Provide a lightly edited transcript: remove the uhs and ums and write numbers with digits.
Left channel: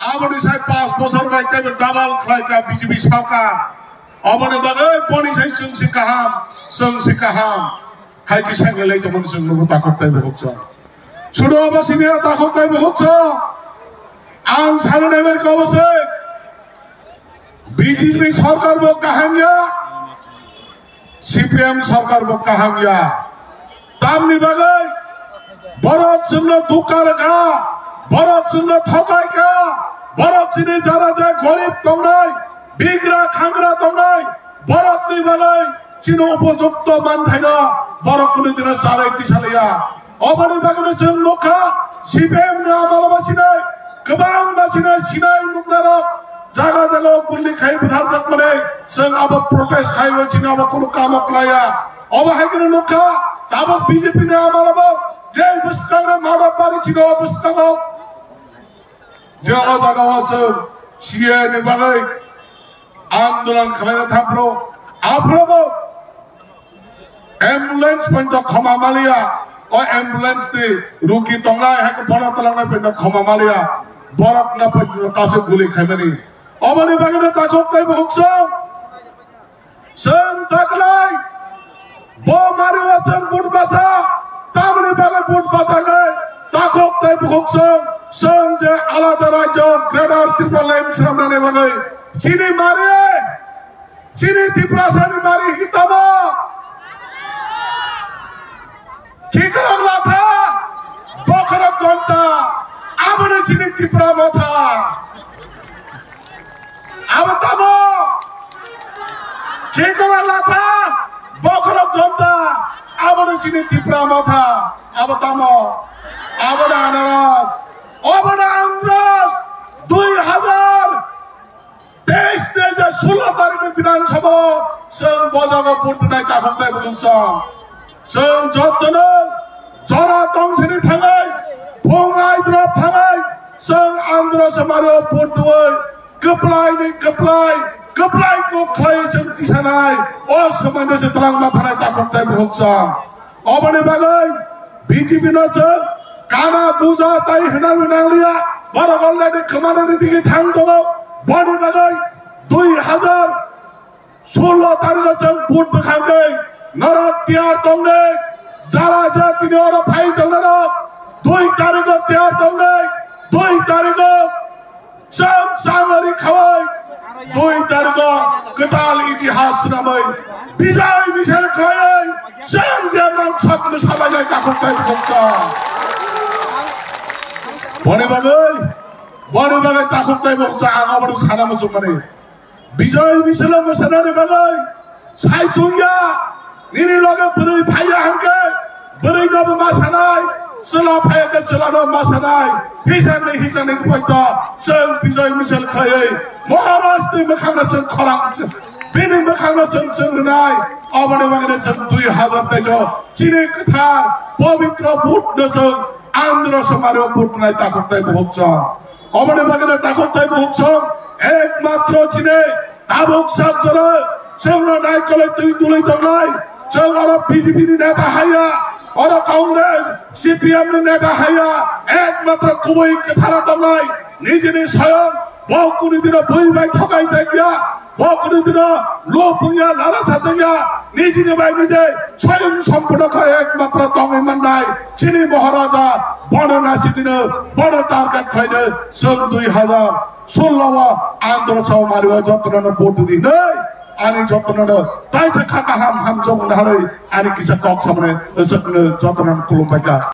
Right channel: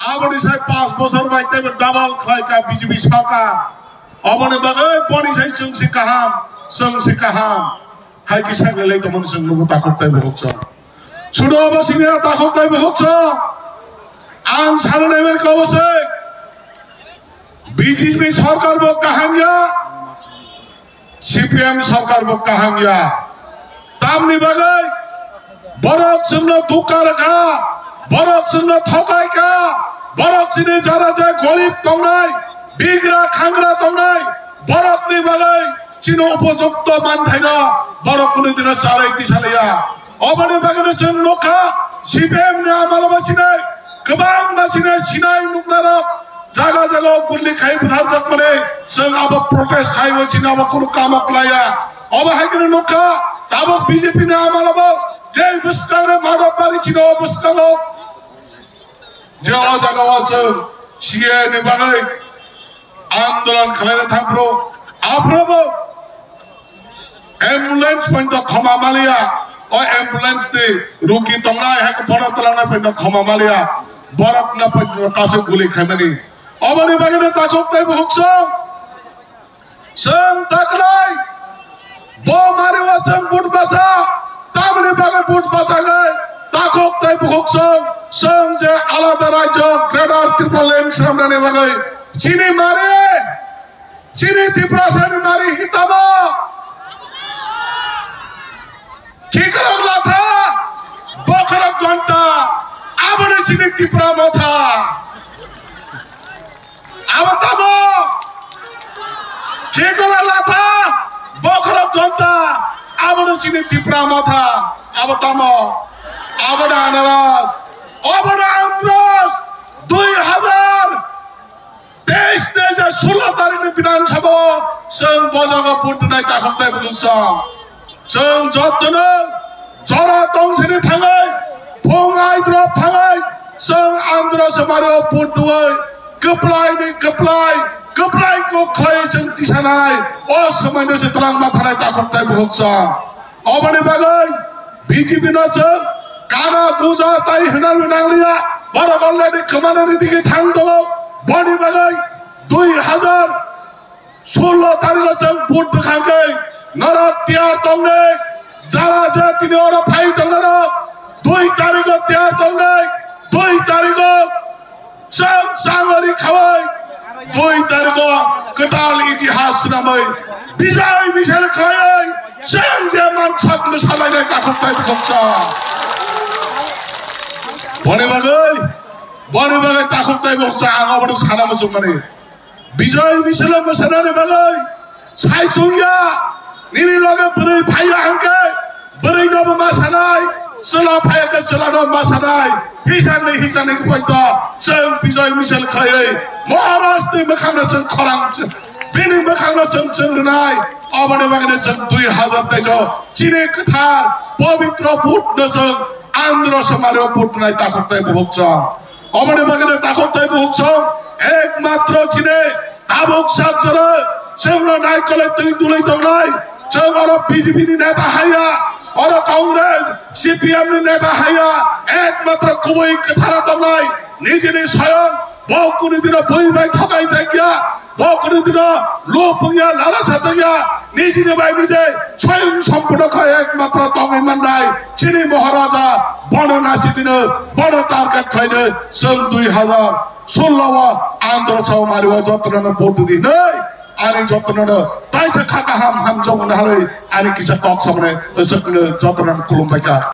Abani sai 5 bosor bai te double khai ka BJP sarkar. Abani bagai bani sai sung si kaham. Hai ki sai lei tomon sung lu takut tai boksa. Sudah apa sini takut tai boksa. Ang saran emer kau se. BJP sarkar bok kaham ya. CPM sarkar bok kaham ya. Tamni bagai barak sungna tukar ka. Barak sungna thokai ka. Barak sini jara jai golip tongnai. Bigra khangra tongnai. Barak ni bagai chino upojukta manthaina. Barak kuni dina sarai tisalaya. Abani bagai jeng nokha. CPM ni amalama sinai. Kebang na sinai nuknara. Jaga gulli khai budhar jakmane. Seng aba protest khai wachina aba kuno kamok laya. Aba hai kini nokha. Tabok BJP ni amalama. Jai buskang marab bari chino buskang. Jaga wasem CA ni bagai आंदोलन खालायना थांप्रो आफ्रोबो ambulance point खमा मालिया और ambulance दे रुकी तंगना है के बरक तलांगना point खमा मालिया बरक ना point तासे गुली खामनी अबने बागने ताकोते भुक्सो सं तकलाई बो मारे वाचन बुट बासा तामने बागे बुट बासा गए ताकोते भुक्सो सं जे आलादा राज्य ग्रेटर त्रिपुरा श्रमने बागे Sini mari, sini diprasani mari hitama. Kikar latha, bokar jonta, abone sini dipra matha. Abatamo, kikar latha, bokar jonta, abone sini dipra matha. Abatamo, abone anaras, 2000 देश ने जो 16 तारीख में विधानसभा संघ बजागा पुट नाइ ताखंताय बुलुसं संघ जतनो जरा तंगसिनि थाङै फंगाय द्रप थाङै संघ आंध्र समारो पुट दुय कप्लाय को खय जों तिसानाय अ समयनो से तलां माथानाय ताखंताय बुलुसं अबने बागै BJP न जों काना बुजा ताइ होना नांलिया बारा अलरेडी खोमानानै दिगे थांदो बड़ी बगाई 2016 तारीख जब वोट दिखाएंगे नरक त्यार तंगे जरा जाति ने और भाई तंगना 2 तारीख को त्यार तंगे 2 तारीख को सब सांगरी खवाई 2 तारीख को कटाल इतिहास नामै विजय मिशेल खाए सब जेमान छत में सालाय काखताय बक्सा बड़ी बगाई ताखुक्ताय बक्सा आगाबाट सानामा जुम्माने विजय मिशेल मसनाने बगाई साइचुया निनि लगे बरै भाइया हांके बरै नब मासानाय सला भाइयाके सलानो मासानाय हिसानै पॉइंट जों विजय मिशेल खायै महाराष्ट्रनि मोखांना जों खरां बेनि मोखांना जों रोनाय अबने बागने जों 2023 चिने कथार पवित्र भोट जों आंध्र समारो भोट नाय ताखुक्ताय बक्सा अबने बागने ताखुक्ताय बक्सा एकमात्र चिने ताबुक साबजरा जोंना नायकले तुइ दुलै दंनाय जों आरो BJP नि नेता हाया और कांग्रेस CPM नि नेता हाया एकमात्र गुबै कथा दंनाय निजेनि स्वयं बावकुनि दिन बयबाय थकाय थागिया बावकुनि दिन लोपुया लालासा थागिया निजेनि बाय निजे स्वयं सम्पूर्ण एकमात्र दंगाय माननाय चिनि महाराजा बननासि दिन बन टार्गेट खायनो जों 2016 आंध्र साव मारिवा जतननो भोट दिनै आनि जतननो ताइसे खाका हाम जौनो हालै आनि किसा टक सामने जोंनो जतननो खुलुमबायका